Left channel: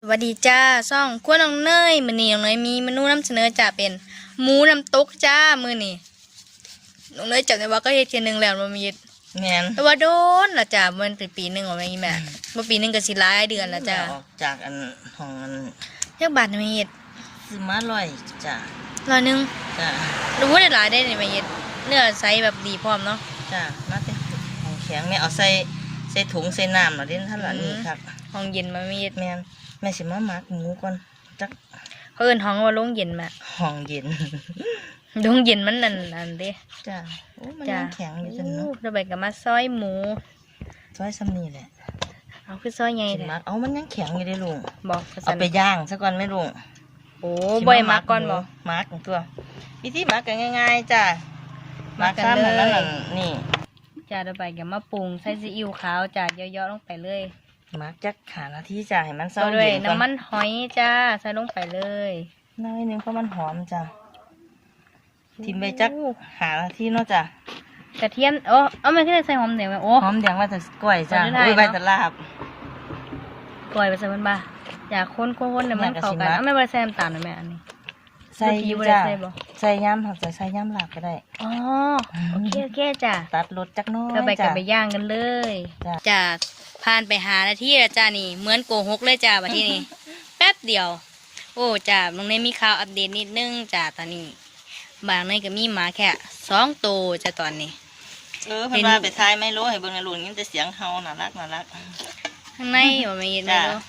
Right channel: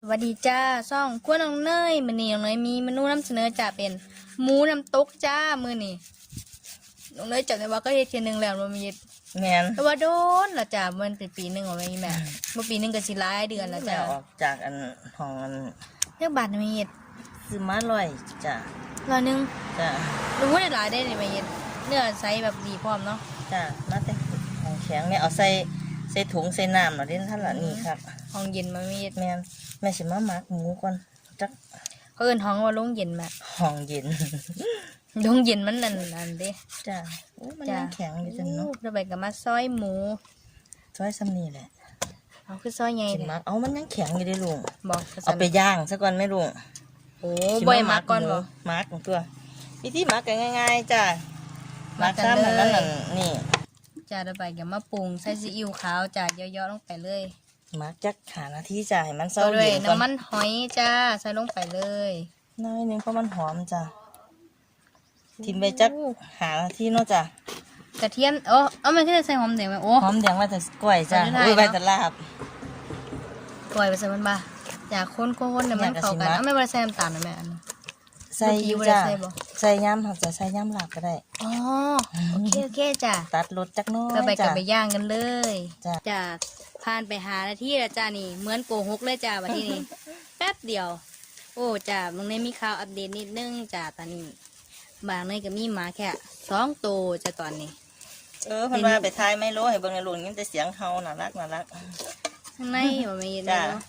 สวัสดีจ้าซ่องขั้วน้องเนยมือนี้น้องเนยมีเมนูนำเสนอจ้าเป็นหมูน้ำตกจ้ามือนี้น้องเนยจำได้ว่าก็เฮ็ดเทียหนึงแล้วมันมีแมนแต่ว่าโดนละจ้ามันเป็นปีหนึ่งของแม่อีแม่เมื่อปีหนึ่งก็สิหลายเดือนละจ้าออกจากอันห้องอันเรียกบาทไม่เฮ็ดซื้อมาลอยจ้ะร้อยหนึงจ้ะรู้ว่าได้หลายได้เนี่ยไม่เฮ็ดเนื้อใสแบบดีพร้อมเนาะจ้ะมาเต็มของแข็งแม่เอาใส่ใส่ถุงใส่น้ำน่ะเด่นท่านละนี่ครับห้องเย็นมันมีเฮ็ดแมน แม่สิมาหมักหมูก่อนจักเขาเอิ้นห้องว่าโรงเย็นแม่ห้องเย็นโรงเย็นมันนั่นนั่นเด้จ้ะโอ้มันจ้ายังแข็งอยู่จังเนาะโอ้เราไปกับมาซอยหมูซอยซ้ำนี่แหละเอาคือซอยไงสิเนี่ยมักเอามันยังแข็งอยู่เด้ลุงบอกกระเอาสันไปย่างซะก่อนแม่ลุงโอ้สิบ่อยมาก่อนหบอกหมักตัววิธีหมักก็ง่าย ๆจ้ะหมักหมักกันซ้ำนั่นเลยนั่นนี่จ้าเราไปกับมาปรุงใส่ซีอิ๊วขาวจ้าเยอะๆลงไปเลย หมักจักขานาทีจ้ะให้มันเศร้าเอาด้วยเย็นก่อนน้ำมันหอยจ้า ใส่ลงไปเลยน้อยหนึงเพราะมันหอมจ้ะทิมไปจักหานาทีเนาะจ้ะกระเทียมโอ้เอาไม่ขึ้นใส่หอมเดี๋ยวไหมโอ้ หอมแดงว่าจะกล้วยจ้ะไม่ได้โอ้ยเนาะใบตะลาบ ปล่อยไปใส่มันบ้าอย่าค้นๆๆเดี๋ยวมันอยากจะเข้าชิมกันนะเอาไม่ไปใส่น้ำตาลหน่อยแม่อันนี้ ใส่เมื่อกี้บ่ได้จ้ะใส่บ่ ใส่ย่ำเขาจะใส่ย่ำลาบก็ได้ อ๋อโอเคโอเคจ้าตัดรสจักหน้อยเราไปกัจ้ะนไปย่างกันเลยจ้ะ จ้า ผ่านไปหานาทีแล้วจ้านี่ เหมือนโกหกเลยจ้าบัดที่นี่ แป๊บเดียว โอ้จ้าตรงนี้มีข่าวอัปเดตนิดนึงจ้าตอนนี้ บางในก็มีหมาแค่สองตัวจ้าตอนนี้ เออเพิ่นว่าไปทายไม่รู้ให้เบิ่งในลุงยิ้มแต่เสียงเฮาน่ารักน่ารักข้างในว่าไม่ยินไม่จ้ะรู้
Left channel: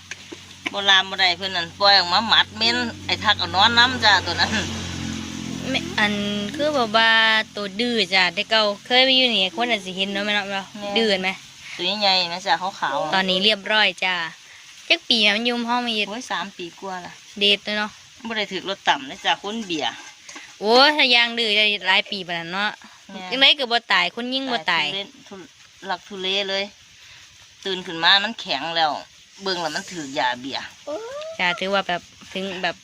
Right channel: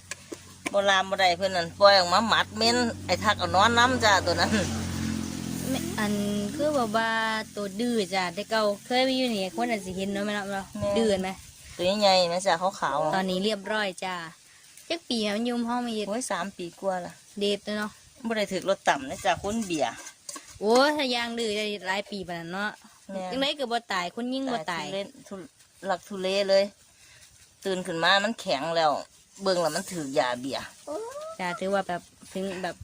โบราณบ่ได้เพิ่นนั่นปล่อยออกมาหมัดเม้นไอ้ทักเอานอนน้ำจ้าตัวนั้นไม่อันคือบอกว่าตัวดื้อจ้ะแต่เก่าเคยไปอยู่นี่คนอาจจะเห็นเนาะแม่เนาะแม่เนาะดื้อไหม ตัวใหญ่ๆนะจ้ะขาวตอนนี้เรียบร้อยจ้าจักปีอะมันอยุ่มห้องไมีๆโอ้ยสามปีกว่าละเดทเลยเนาะบ่ได้ถึกรถต่ำนะจ้ะคุณเบียร์โอ้ยถ้ายางดื้อจะหลายปีปานนั้นเนาะแม่ยังไงก็บ่ตายคนยิ่งบ่ตาย ทุเรศทุหลักทุเลเลย ตื่นขึ้นมามันแข็งแล้ว เบิ่งแล้วมันถือยาเบียร์ จ้าถือว่าแบบถึงแบบ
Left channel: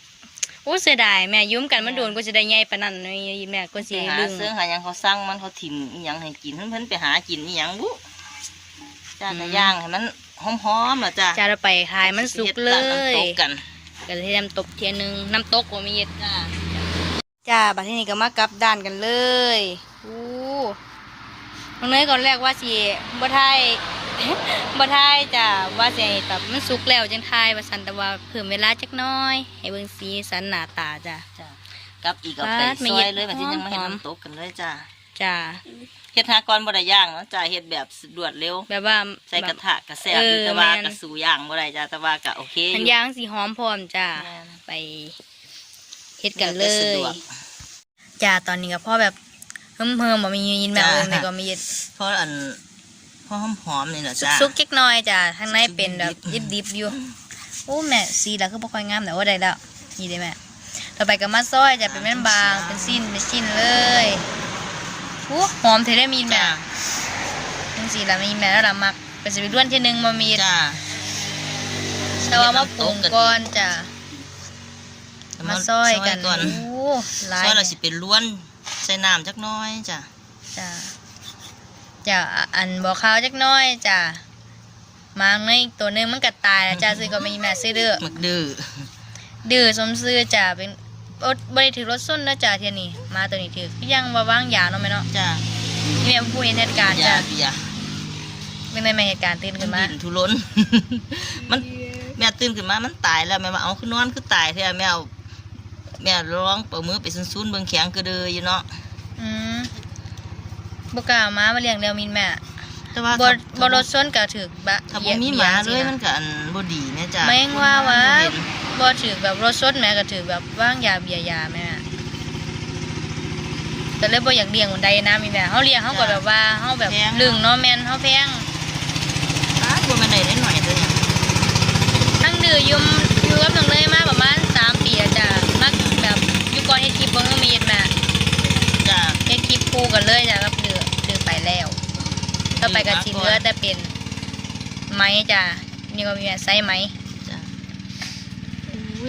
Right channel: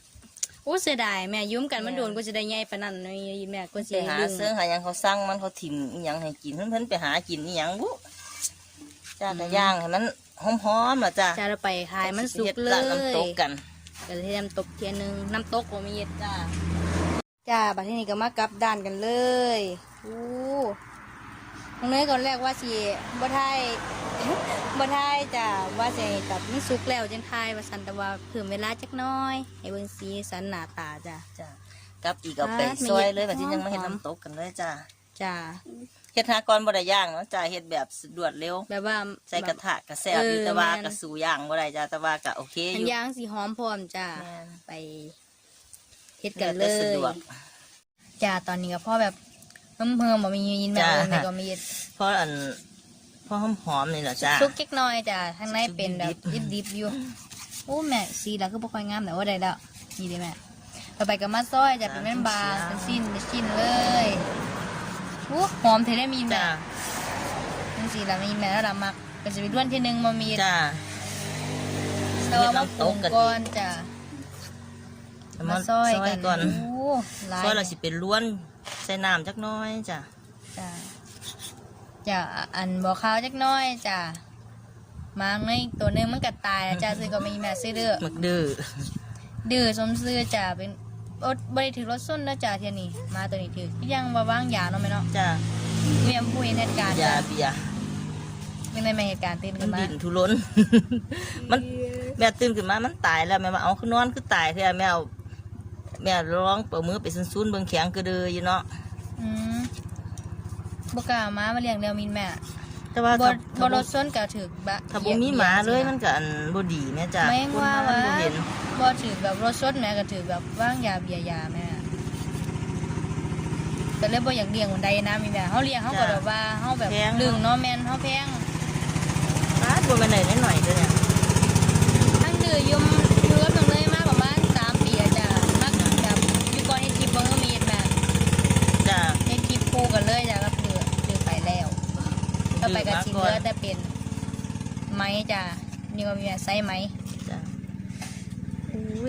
โอ้เสียดายแม่ยุ่มกันมันโดนก็จะได้ใหญ่ปานนั้นนี่แม่ก็ไปสิหาลึงซื้อหาหยังเขาสั่งมันเขาถิ่มอหยังให้กินเพิ่นเพิ่นไปหากินอหยังบุ จ้าแต่ย่างให้มันหอมๆล่ะจ้าจ้าเราไปขายมันสุกเลฮ็ดร้านน้ำตยกกันก็เลยน้ำตกเทียหนึงน้ำตกก็มีจ้าจ้าบัดทีนี้ก็มากลับด้านกันเลยอู้น้องเนยก่อนแรกว่าสิบ่ทายบ่ทายจ้าว่าสิให้แบบมันสุกแล้วจังทายว่าสันแต่ว่าเพิ่มเวลาจักหน้อย ให้เบิ่งสีสันหน้าตาจ้าจ้ากับอีกเอาไปปาดไม่ซอยเห็นเลยแบบที่ยังไม่เห็นหอมน้ำตกกันเลยจ้าจ้า เฮ็ดหากรบ่ได้ย่างเนาะจ้าเฮ็ดแบบรวดเร็ว แบบว่าใส่กระแบบทะกระแซบอยู่เออแต่ว่าแม่นกระสูย่างบ่ได้จ้าแต่ว่าก็โอเคอทันยู่ยางสีหอมพร้อมจ้าแม่นไปเฮ็ดกันเลแล้วแต่สะยดวกจ้าตอนนี้ก็พ่อแบบเพิ่มเพิ่มบ่มียินแบบจ้าอื่นแต่ก็มีเพราะอันเพราะหอมๆนี่แหละจ้าซุกเล็กน้อยจ้าข้างในซุกๆเป็นแบบดิบดิบๆอยู่โอ้แม่สีแล้วก็บ่ค่อยงามแต่ว่าได้แล้วนี่ได้แม่ต่อไปก็มาซอยจะเป็นแม่นบางเป็นสิ้นเป็นสิ้นเลย โอ้หอมเทได้มีนแม่จ้าเป็นสีแล้วมีแม่แล้วละมักเป็นสิเป็นด้วนที่หนึ่งมามีจ้า แต่ว่ามาปรุงก่อนจ้ะเอามาซอยกันก่อนโอ้หลายซอยเราสิเป็นล้วนใส่น้ำจักหน้อยจ้าจ้ะจ้ะอันบ่ข้าวจักหน้อยจ้ะมางในตัวหนึงมันก็ตายแล้วจ้ะซื้อก็มีแม่ซื้อเด้อ หมึกดื้อดื้อสมซื้อจ้ะเป็น อดบริถือรถส้นนะจ้ะเทียนี่มาตัวนี้ถือก็ยังว่าวางยาเนาะแม่เนาะจ้านี่แม่ผู้เห็นเหตุการณ์ยาจ้ะเบียร์เป็นไงแม่เหตุการณ์ตื่นมัขึ้นนมาดินทุรน มันแม่ตื่นขึ้นมา มันตายแล้วแม่มาเอาขึ้นนอนคือตายแท้แม่เอาแม่ร้องเปิดมือไปซุนๆเบิ่งแข็งกระเดืออยู่เนาะอืมบ่กล้าเอามามาเลี้ยงแล้วมินแม่ แต่ว่าบ่ถ้าบ่รถส้นก็ถือบะถ้าบ่มีหมาเลยมันก็อันบ่ดีแม่จ้าแม่งว่าคนว่าบ่เห็นบ่ถือแบบรถส้นแม่ก็ถือแบบว่างยาเบียร์ยาแม่แต่เลยบ่อยากเลี้ยงคนใดนะมีแม่เฮาเลี้ยงเฮาก็แบบว่าเฮาแบบลึงเนาะแม่นเฮาแพงอ้าวบ่แม่นได้นิดหน่อยเด้อเนี่ยทั้งดื้อยุ่มอยู่กับน้องเนยมาประมาณ3ปีแล้วจ้ะมักแบบอยู่ก่อนเฮ็ดคลิปเบิ่งก็มีเฮ็ดแม่ จ้า เฮ็ดคลิปคู่กันเลยจ้ะกับดื้อดื้อไปแล้วต่อไปก็สิเหลือแต่เป็นไม้ จ้ะนี่ก็มีแม่ใส่ไม้จ้า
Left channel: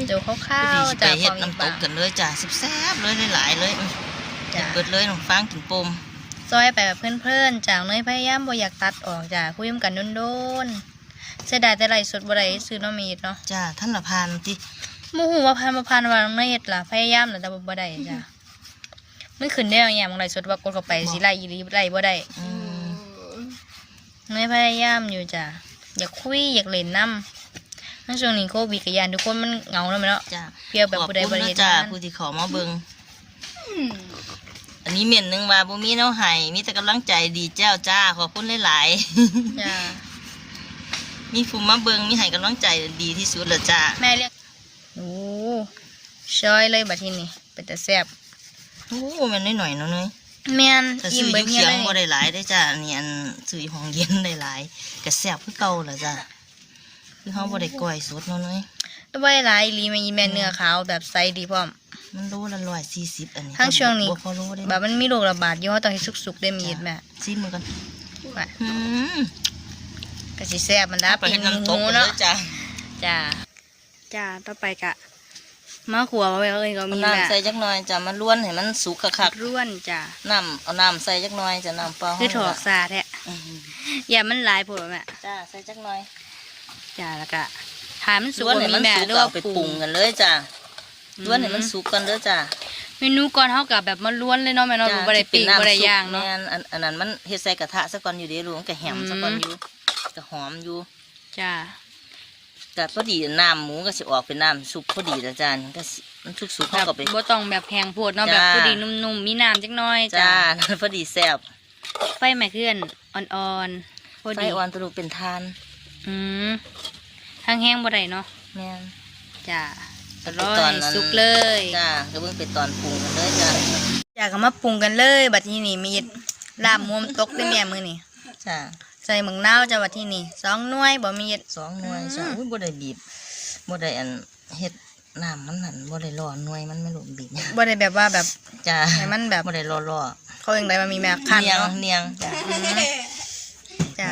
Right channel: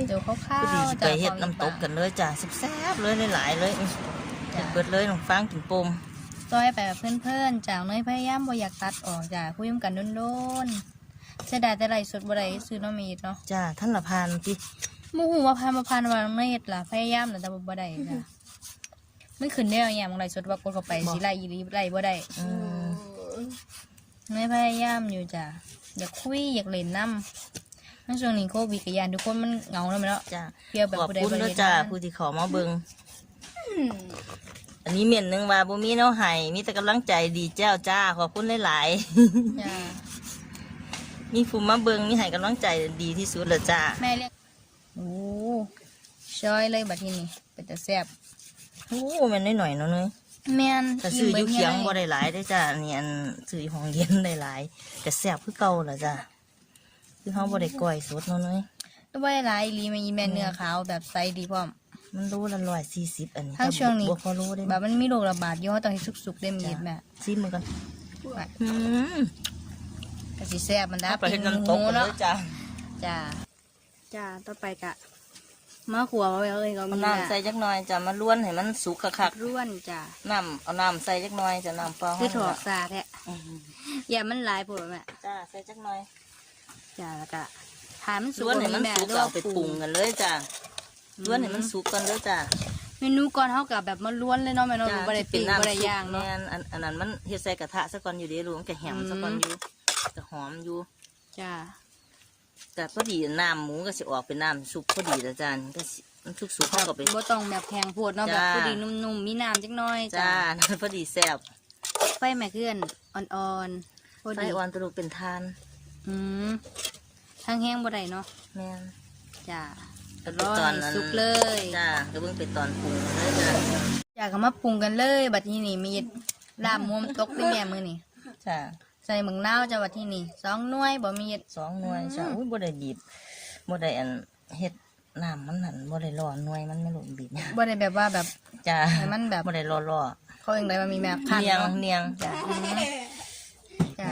เดี๋ยวคพร่าอดีวสิๆไปจ้ะเฮ็ดความน้ำตกบางกันเลยจ้าแซ่บๆเลยหลายๆเลยอื้อกินจ้ะเบิดเลยน้องฟางกินปมซอยไปแบบเพื่อนๆจากเนยพยายามบ่อยากตัดออกจากคุยกันโดนเสียดายแต่ไรสดบ่ได้ซื้อน้องมีดเนาะจ้าท่านละพานติบ่ฮู้ว่าพันบ่พันว่าไม่เฮ็ดล่ะพยายามแล้วแต่บ่ได้จ้ะมันขึ้นได้อย่างไรสดว่ากดเข้าไปสิไล่อีหลีไล่บ่ได้อืมไม่พยายามอยู่จ้ะ อยากคุยอยากเล่นน้ำในช่วงนี้โควิดกับยานทุกคนมันเหงาแล้วแม่เนาะจ้าเพียบแบบขอบผู้ใดคุณบ่ได้เด้อเห็นจ้างานผู้ที่เขอมาเบิงอันนี้เมียนหนึงว่าบ่มีแนวให้มีแต่กำลังใจดีเจ้าจ้าขอบคุณหลายจ้าๆมีผู้มาเบิงมีให้กำลังใจดีที่สุดและจ้าแม่เรียกโอ้ชอยเลยบัดทีนี้เป็นแต่แซ่บโอ้แมันน้อยๆเนาะเนย แม่นถ้าอิ่ซื้มออเบิดยู่เฮีเคียยงเลบ่ยได้หลายได้อจ้าอันนี้อันซื้ออยู่ห้องเย็นได้หลายก็แซ่บคือเก่าล่ะจ้าคือเฮาบ่ได้ก้อยสดเนาะเนยแต่ว่าหลายอีหลีแม่อีแม่เนื้อขาวแบบใสดีพร้อม มันโลละ140อันนี้ทั้งช่วงนี้บ่พอโลได้แบบมันมีโรคระบาดอยู่เฮาต้องให้สุกๆได้มีดแม่ซิมมันก่อนว่าอืมก็สิแซ่บมันนะไปเฮ็ดน้ำตกหมูกันเลเนาะยจ้าจ้าจ้าต่อไปกะ มาขัวไว้เลยก็เอามีน้ำแม่ใส่จักหน่อยจ้ะมาล้วนให้มันสุกคักร่วนจ้าๆน้ำเอาน้ำใส่จักหน่อยจะน้ำเปล่าคือถอกเฮาสาแท้อืมอย่ามันหลายโผล่แม่จ้าใส่จักหน่อยจ้าแล้วก็ถามมันสุล้กวนบ่ให้มีมันแม่สุกหรือก็ว่าเอาไปปรุปรุงงกันเลยจ้ะล้วนให้มันสุกกันเด้อจ้ะเมนูก่อนเฮากับแบบมันล้วนเลยเนาะแม่เนาะจ้ะบ่ได้ปิ้งที่บ่ได้ย่างเนาะแม่อันอันนั้นมันเฮ็ดใส่กระทะซะก่อนอยู่เดีลูกมันก็แหมอืมซะก่อนอยู่ก็หอมอยู่จ้า แต่พอดีน้ำหมูก็สิออกเป็นน้ำซุปพอดีแล้วจ้ะนี่ก็สิมันสุกๆแบเข้าบกับไป บ่ต้องแบบแพงโพดเนาะจ้าแบบพอดีนุ่มๆมีน้ำจักหน่อยจ้าจ้าพอดีแซ่บไฟแม่เคลื่อนอ่อนๆพอไฟดีอ่อนตะลุกเป็นทานอืมทางแห้งบ่ได้เนาะแม่น จ้าอร่อตอนยนั้นสุกเลย จ้าก็เบิ่งไปตอนปรุงกันเลยจ้ะอยากเอามาปรุงกันเลย บัดนี้นี่มีลาบมุมตกได้แม่มื้อนี้จ้า ใส่หมึงนาวจ้าบัดที่นี่สองหน่วยบ่มีสองหน่วยจ้ะอุ้ยบ่ได้บีบบ่ได้อันเฮ็ดน้ำมันนั่นบ่ได้รอหน่วยมันไม่รู้บีบบ่ได้แบบว่าแบบ จ้าให้มันแบบ บ่ได้รอรอเขาเองได้มามีแม่คันเนียงเนาะเนียงจ้าจ้า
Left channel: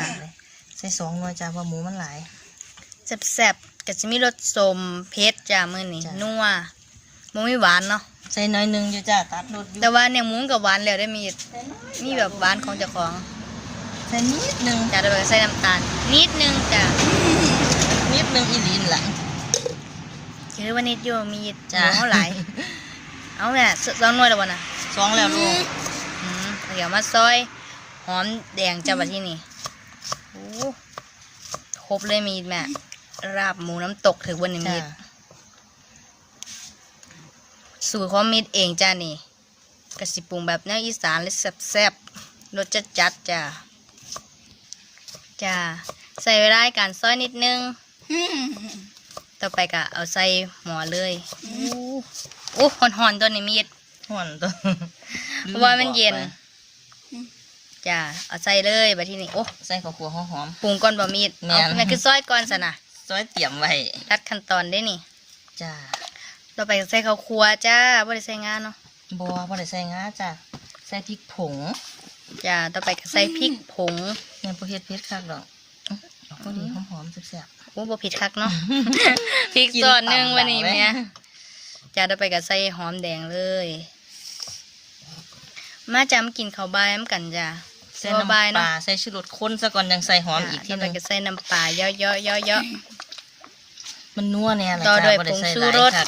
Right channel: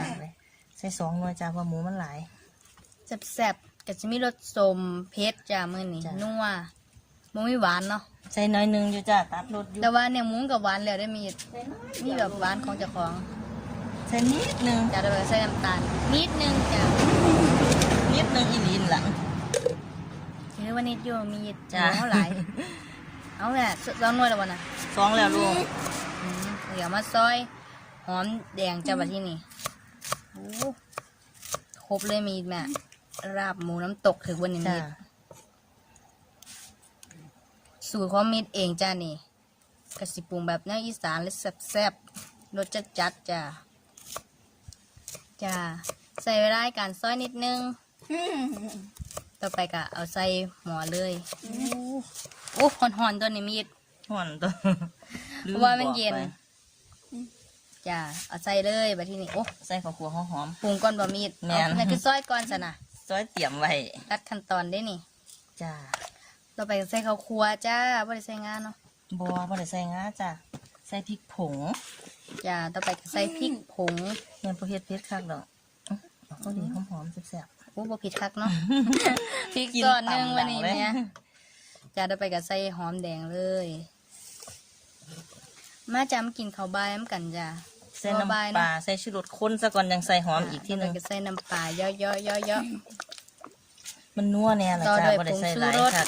ใส่สองหน่วยจ้าเพราะหมูมันหลาย แซ่บๆก็สิมีรสส้มเผ็ดจ้ามื้อนี้จ้ะ นัวบ่มีหวานเนาะใส่น้อยหนึงอยู่จ้าตัดรสอยู่แต่ว่าเนี่ยหมูกับหวานแล้วได้มีมีแบบหวานของเจ้าของ ใส่นิดหนึงจ้าแล้วก็ใส่น้ำตาลนิดนึงจ้านิดหนึงอีหลีนล่ะคือว่านิดอยู่มีจ้ะหมูหลายเอาแม่สองหน่วยแล้วบ่น่ะสองแล้วลูกอืมเดี๋ยวมาซอยหอมแดงจ้าบัดที่นี่โอ้ครบเลยมีแม่ราบหมูน้ำตกถือวันนี้มีจ้าสูตรของมีดเองจ้านี่กระสิปรุงแบบแนวอีสานเลยแซ่บๆรสจัดจัดๆจ้า จ้าใส่เวลาในการซอยนิดนึง ต่อไปก็เอาใส่หมอเลยโอ้หอนๆตัวนี้มีดห่อนตัวเพราะว่ามันเย็นจ้าเอาใส่เลยบัดที่นี่โอ้ใส่ข้าวคั่วหอมปรุงก่อนบะมีดแม่เอานแม่คือซอยก่อนสนะๆซอยเตรียมไว้รัดขั้นตอนได้นี่จ้าต่อไปก็ใส่ข้าวคั่วจ้าบ่ได้ใส่งานเนาะบ่บ่ได้ใส่งาจ้าใส่พริกผง จ้าต่อไปก็ใส่พริกผงแม่นบ่เฮ็ดเผ็ดคักดอกอื้อเอาพอดีหอมๆแซ่บโอ้บ่ผิดคักเนาะพริกๆส่วนหนึ่งวันนี้กิแม่ตามดังเลยจ้าต่อไปก็ใส่หอมแดงเลย มาจ้ามากินข้าวบายน้ำกันจ้าใส่ข้าวน้ำปบายเนาะลาใส่ชูรสข้นซะก่อนยังใส่หอมอีกทีต่อหไปนึงก็ใส่น้ำปลาเยอะๆเยอะมันนัวแน่ล่ะต่อจ้าด้วยบ่ได้ใส่ผงชูหลายรสคัก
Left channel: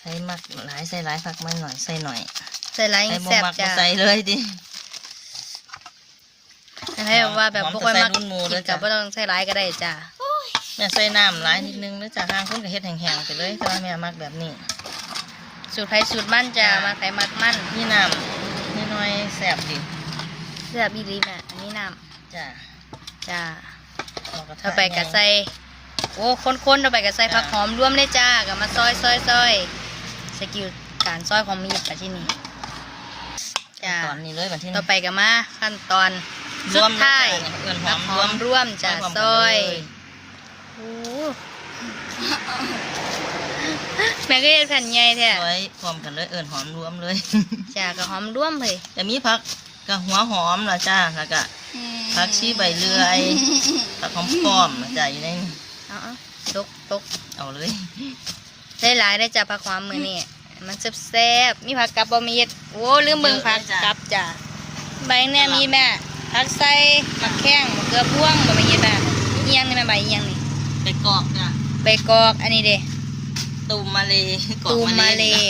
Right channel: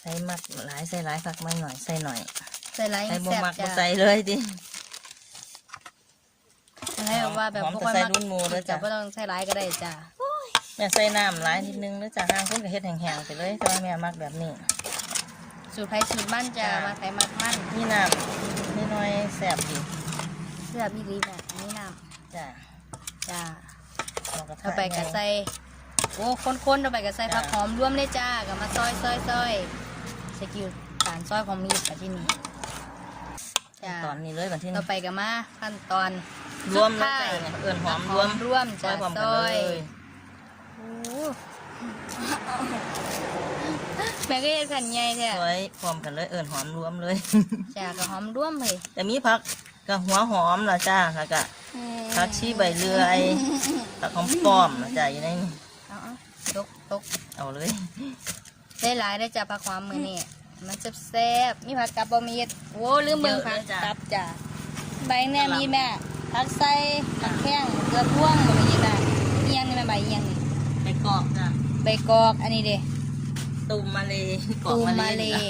ใส่มักหลายใส่หลายคักไม่หน่อยใส่หน่อยๆ ใส่ไรใส่บ่แซ่บมักบ่จ้าใส่เลยดิให้แบบว่าแบบหอมบ่ค่อยมักแต่ใส่รุ่นหมู่กิเลนยกับจ้ะบ่ต้องใส่หลายก็ได้จ้าแม่ใส่น้ำหลายนิดนึงแล้วจ้าทางเพิ่นก็เฮ็ดแห้งๆไปเลยแต่ว่าแม่มักแบบนี้ สูตรไทยสูตรมันจ้ามาใส่มักมันนี่น้ำน้อยๆแซ่บดีแซ่บอีหลีแม่อันนี้น้จ้าำจ้าเอากระทะต่อไปก็ใส่โอ้คนๆต่อไปก็ใส่ผักหอมร่วมเลยจ้าก็มาซอยซอยซอยสกิลการซอยของมีดค่ะที่นี่ จ้าตอนนี้เลยวันที่ต่อไปก็มาขั้นตอนรสุวดมท้ายเอิ้นหผัอกมหรอวมมร่วมจ้าพร้มซกันอยเลยโอ้แม่ก็เฮ็ดแผ่นใหญ่แท้ซอยพร้อมกันเลยเอิ้นหอมรวมเลยจ้าก็หอมร่วมเลยจะมีผักกับหัวหอมล่ะจ้าแล้วก็ผักชีใบเลื่อยผักหอมป้อมล่ะจ้าอยู่ในเอาเอาตกตกเอาเลย ได้หลายได้จ้าผักหอมมือนี่ มันแซ่บๆมีผักกับบะมีดโอ้ลืมเบิ่งผักกับจ้าใบแน่มีแม่ผักใส่หมักแข้งเกลือพ่วงบ่มาเย็ดอะเอียงนี่แม่ใบเอียงนี่ไปกรอกจ้ะใบกอกอันนี้เด้ตูมมาเลยกรอกตูมมามาเลเลยย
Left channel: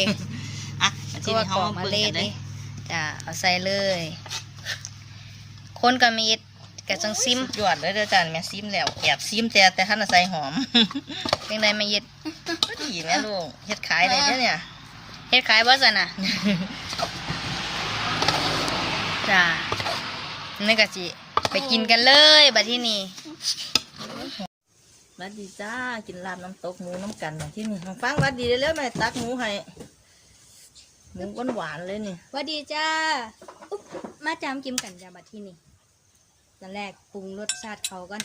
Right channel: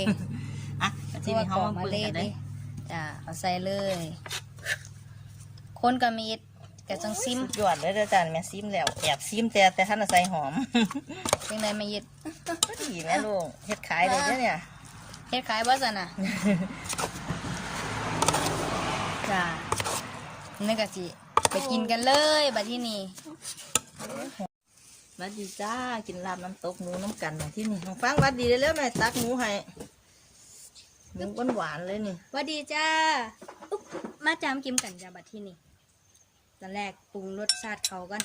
อะมาที่ตัวนี่กเขาอกมามาเบิ่งเลยกันเลยนี่จ้ะเอาใส่เลยคนกับมีดกับจังซิมหยอดเลยเด้อจ้ะแม่ซิมแล้วแอบซิมแต่แต่ท่านใส่หอมยังไงมาเย็ดดีแม่ลูกเฮ็ดขายเลยเด้อเนี่ย เฮ็ดขายบ่ซั่นน่ะจ้ะนี่ก็สิไปกินกันเลยบัดที่นี่มาดีจ้า กินลาบน้ำตกหมูน้ำกันมาที่นี่ของฟังวัดดีเลยแม่ตักหมูให้หมูหวานๆเลยนี่สวัสดีจ้าอุ๊บมาจามกิมกันจ้าบัดที่นี่ตอนแรกปรุงรสชาติเขากัน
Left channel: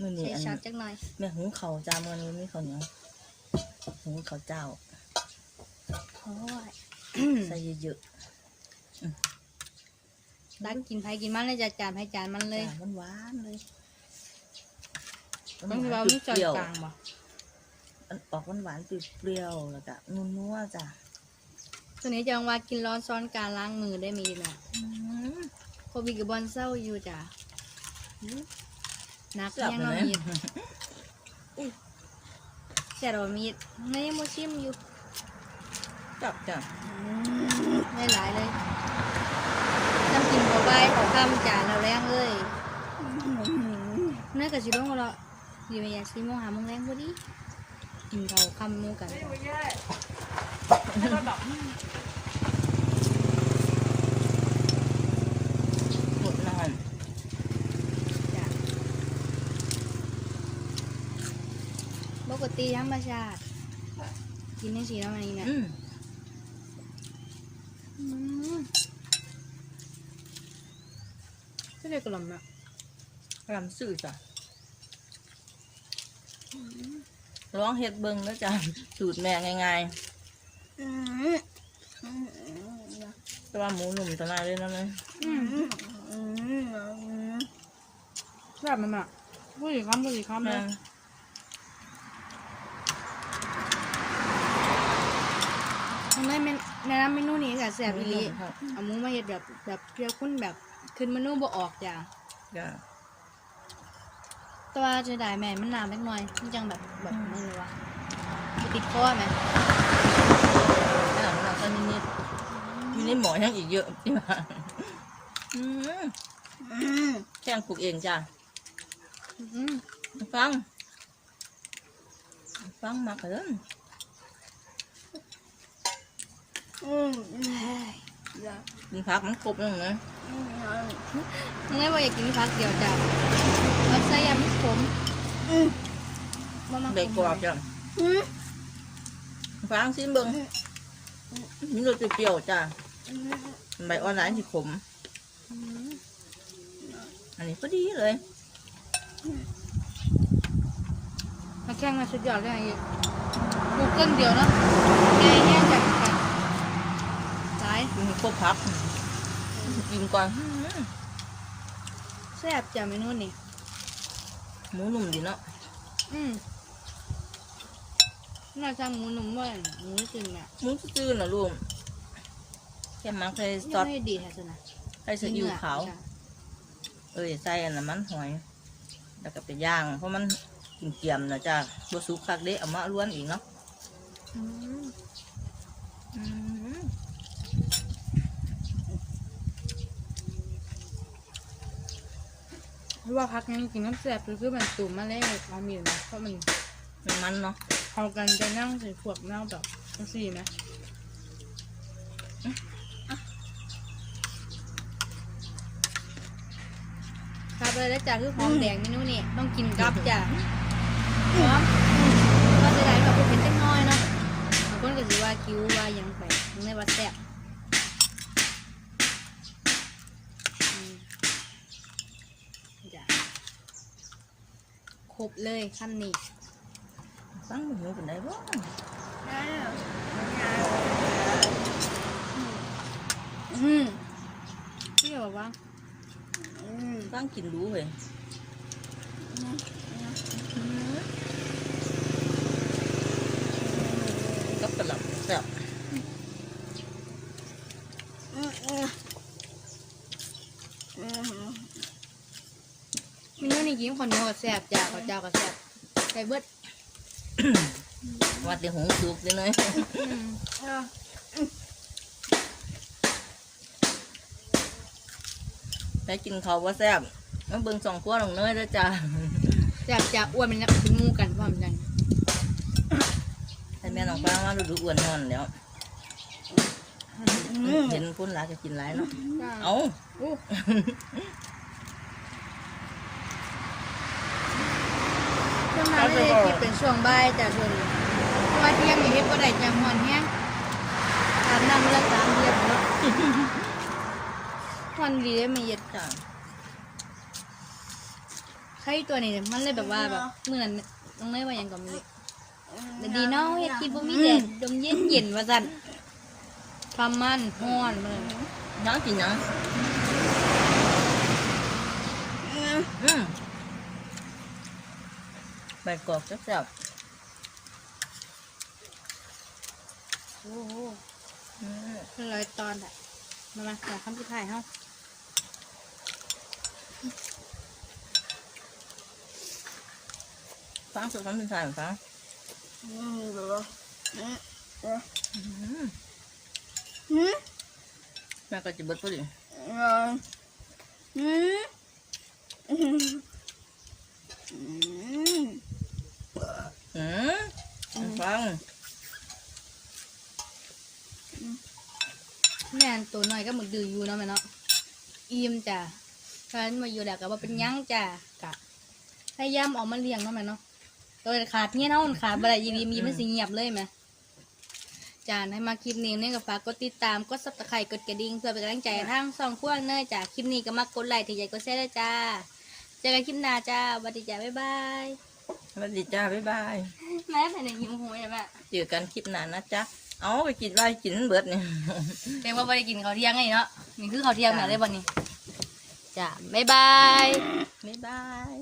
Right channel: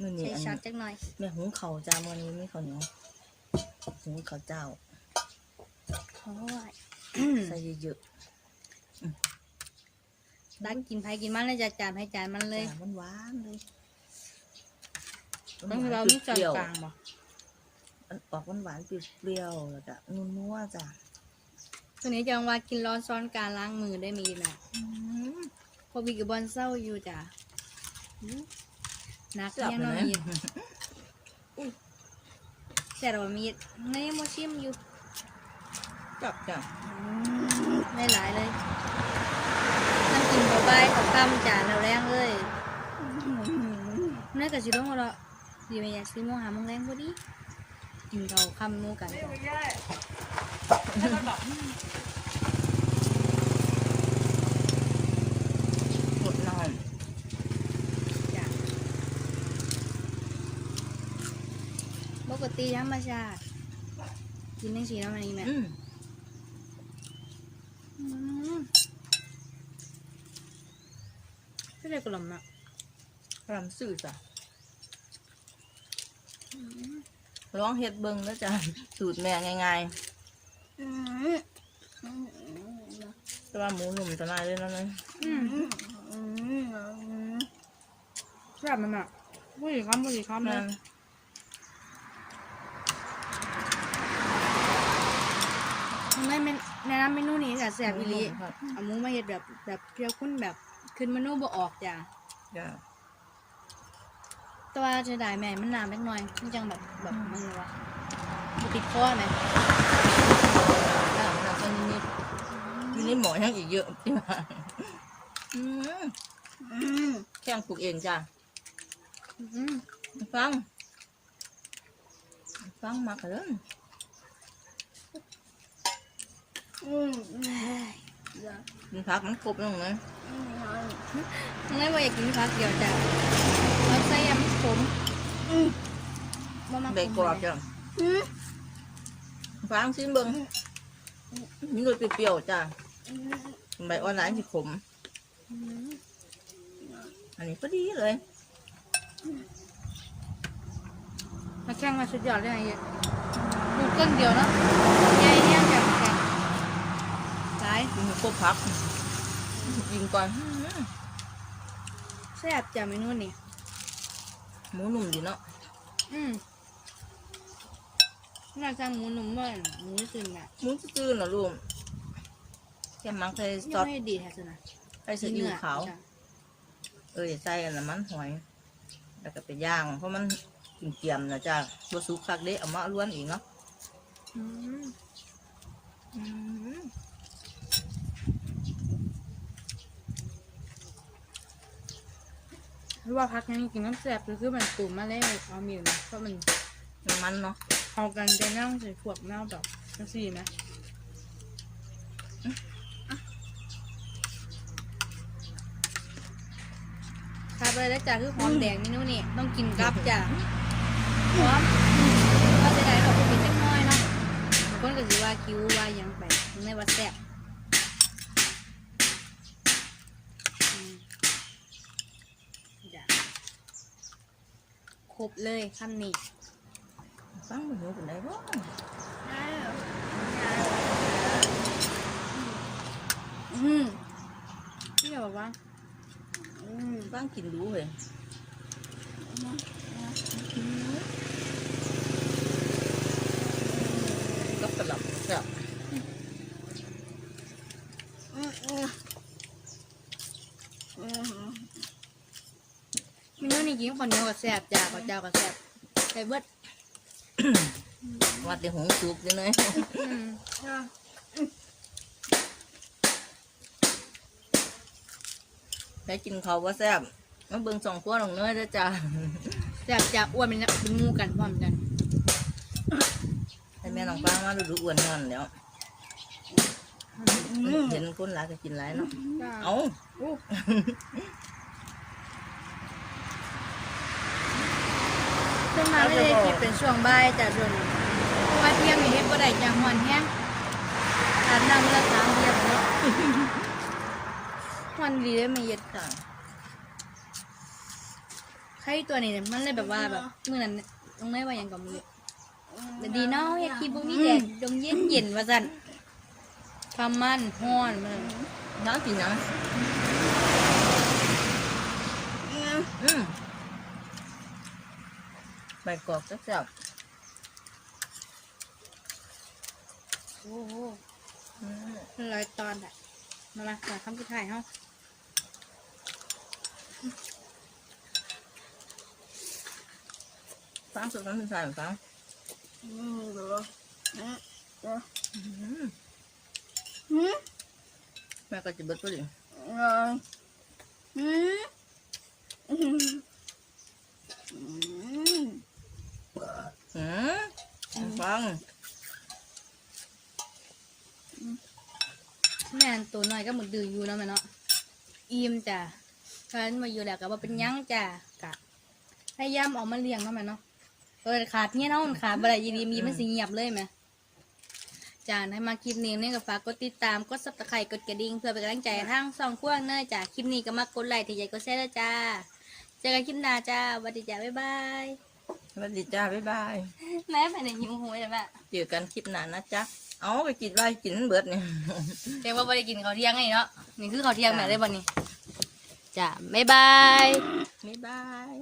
นี่นี่ใช้อันชักนี้จักหน่อยแม่หุงเขาวจ้าวันนี้ไม่ข้าวเหนียวหุงข้าวเจ้า โอ้ยใส่เยอะรักกินไผกินมันเลยจัดจานให้จานมันๆเลยมันหวานๆเลยมันเราไม่จอนเปรี้ยวกลางบ่มันออกหวานๆเปรี้ยวๆแล้วก็นัวๆจ้ะตัวนี้จะเอามากินร้อนซ้อนการล้างมือได้มีน่ะอืมโควิดกับบอลเศร้าอยู่จ้ะนักแซ่บยังเลนอยนมีดแช่เรามีดในยังโมชิมอยู่ จับจ้ะไม่หลายเลยต้องกินเข้าไปของคำจานเราแรงเลยแม่กับชิลงเราดีไหมอยากซิมหามึงแรงพอดีกินเราคำนู่กันหมดน้ำปกติธรรมชาติกินทั้งสีแล้วมันนี่แหละอืม อืมไม่ได้ กลมอะลำสื่อจ้ะร้องเฮ็ดเบิ่งแล้วจ้ะสูตรแม่ง่ายๆแต่ว่าหมูหนุ่มจะมาเลยเนาะนะอืมแบบมันอะผู้หญิงคำผู้หญิงคำแม่นะทำไมเมนในน้ำเมนูนี้ค่ะแสบอีหลีเอามึงมาเห็ดแบบแบบเพียวคุ้นแบบ ขึ้นเมนูบ่ออกจ้ะจ้ะแต่ว่าจะได้แม่มันนานเล็กน้อยมันจังแบบแบบมึงวะมันติดคอไหมจ้ะมันจะนิดๆอยู่ในหมอยังอีกเยอะที่มาอืมแจ้งปลูกเองจ้ะอืมฟัง ฟังมากเลยมี พักมันครบแล้วไงมึงไม่ว่าอยากกินผักเดียวจ้ะเราใส่ยำขมบ่มาได้ขมกรอบจ้ะฟังซิเบิ้งมีรสเปรี้ยวๆจ้ะใบออนไลน์ที่ขมอืมอันนี้พอดีเลยมาแข่งมาสุดยอดเลยไอ้เหี้ยลูกก้นเดียวเนาะแกเนี่ยจะแกงหลาย มีครบ พักกินก่อนแซ่บจ้ะเมนูนี้หมูหนุ่มดีเนาะอืมน่าจะหมูหนุ่มด้วยหมูจริงอะหมูจืดๆนะลุงแค่มักใส่ซยัองสไม่ดีแท้สินะใส่ซีอิ๊วขาวเอ้ยใส่อันนั้นมันหอย แล้วก็ไปย่าง เพราะมันกินเกียมนะจ้ะบัสุกคักเด้เอามาล้วนอีกเนาะอืมอืม ว่าพักงี้กินน้ำแสบคือคือมันตุ่มมาเลยเอามีดเพราะมันน้ำมันเนาะเอากันจะนั่งใส่พวกนั่งแบบจังสี่นะครับไปแล้วจ้ะคือหอมแดงเมนูนี่ต้องกินกับจ้ะหอม รบเลยคำนี้ฟังหมูกันได้บ้างอืมพี่บอกว่าฟังกินรู้เลยกับกระหล่ำแซ่บคนเนี้ก็แซ่บจาข้าวเจ้าก็แซ่บ ไปเบิดวัดเดี๋ยวหงสุกเลยเนยอืมได้กินเขาวว่าแซ่บมาเบิ่งสองขั้วลงเนยแล้วจ้าแซ่บจ้าอ้วนมันนักกินหมูกันพร้อมกันให้แม่น้องฟังว่าดูดูอ้วนนอนแล้ว เห็นคนหลายก็กินหลายเนาะ เอา เอาช่วงนั้เลยที่เป็นช่วงบ่ายจ้าช่วงนี้เพราะว่าเที่ยงมีเฮ็ดบ่ได้จังหวันแฮงอาบน้ำละสามเดือนเนาะวันดีเลยมันเย็นจ้าใครตัวนี้เนี่ยมันเลยแบบว่าแบบเมื่อนั้นน้องเนยว่าหยังก็มีเลยแต่ดีเนาะเฮ็ดคลิปบ่มีแดดดมเย็นเย็นๆว่าซั่นความมันฮ้อนมันน้องกินน้องอืม ใบกอกแซ่บโอ้โหๆอืมเป็นรอยตอนอะมามามาคำสุดท้ายเฮาฟังสุดฟังสุดท้ายฟังอืมเดี๋ยวอืมอืมแม่ก็จะเบิดตัวดิอืมอืมอืมอืม อืม ฟังแม่นตัวน้อยก็หมึกดื้ออยู่เนาะแม่เนาะอิ่มจ้ะเพราะฉะนั้นมาอยู่แล้วก็ว่าเป็นหยังจ้ะกะพยายามเออกมาเลี้ยงเนาะแม่เนาะโดยขาดเงี้ยเนาะมันขาดบ่ได้ยีดีมีมันสิเงียบเลยแม่จ้าให้มาคลิปนี้เนี่ยก็ฝากกดติดตามกดซับสไครต์กดกระดิ่งเพื่อเป็นกำลังใจให้ทางสองขั้วเนยจ้ะคลิปนี้ก็มากดไลค์ถือใจกดแชร์ด้วยจ้าเจอกันคลิปหน้าจ้าสวัสดีจ้าบ๊ายบาย สวัสดีจ้าบ๊ายบาย แม่เป็นอย่างนี้โอ้โหใช่ไหมเจอกันคลิปหน้านะจ๊ะเอาไปกินได้กินเบิดเนี่ย เรียกว่าไม่ได้กินข้าวเที่ยงไงเนาะนี่คือข้าวเที่ยงไหนได้บ่นี่จ้าบ๊ายบาย บ๊ายบาย